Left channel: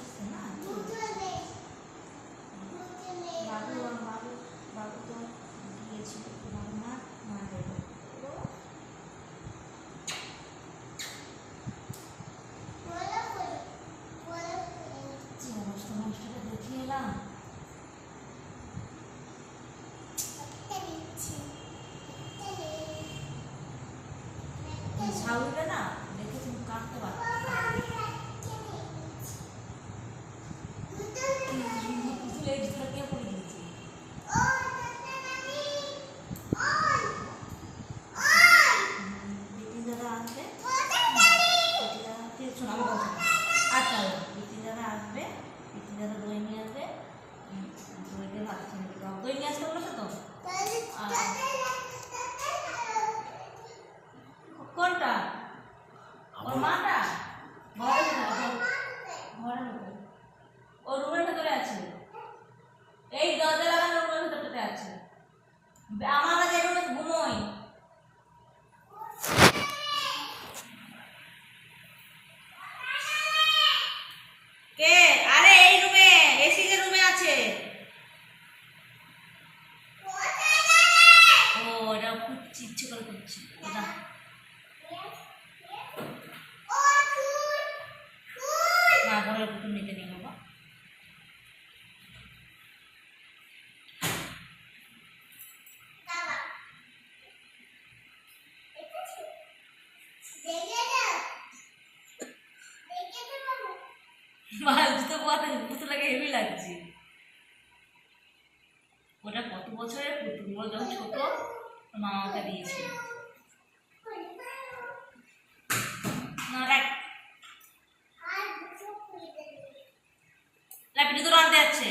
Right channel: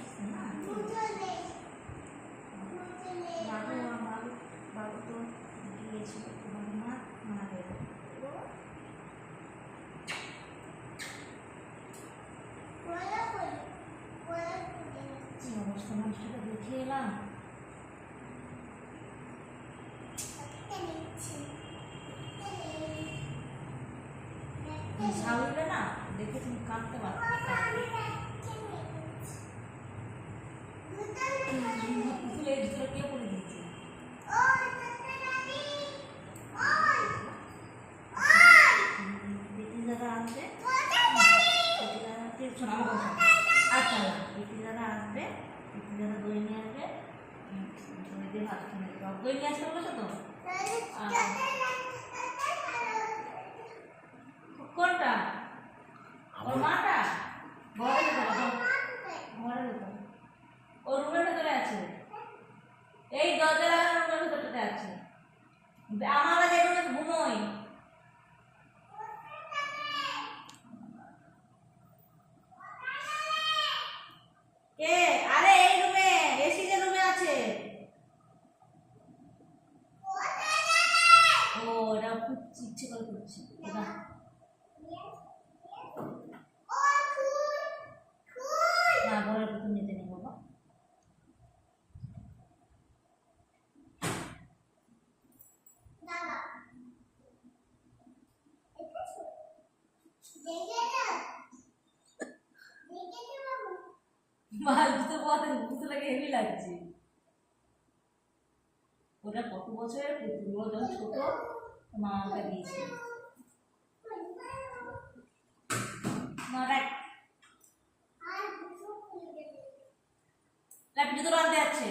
Yes, porque de tempo আমার ঘুমোই। কে? আরে, এই রুমে এসি যে রুমে আছে। ও, এটা খুঁজছি ইচ্ছে করে এটা না, ঘরের পুতুল নিতে নেই বাবা মাছ তো কথা পুতুলটাকে হেভি লাগছে। ওটা কত বছরের পুতুল যখন ছোট, মা না ল্যাপিটি তোর আনতে যাচ্ছে।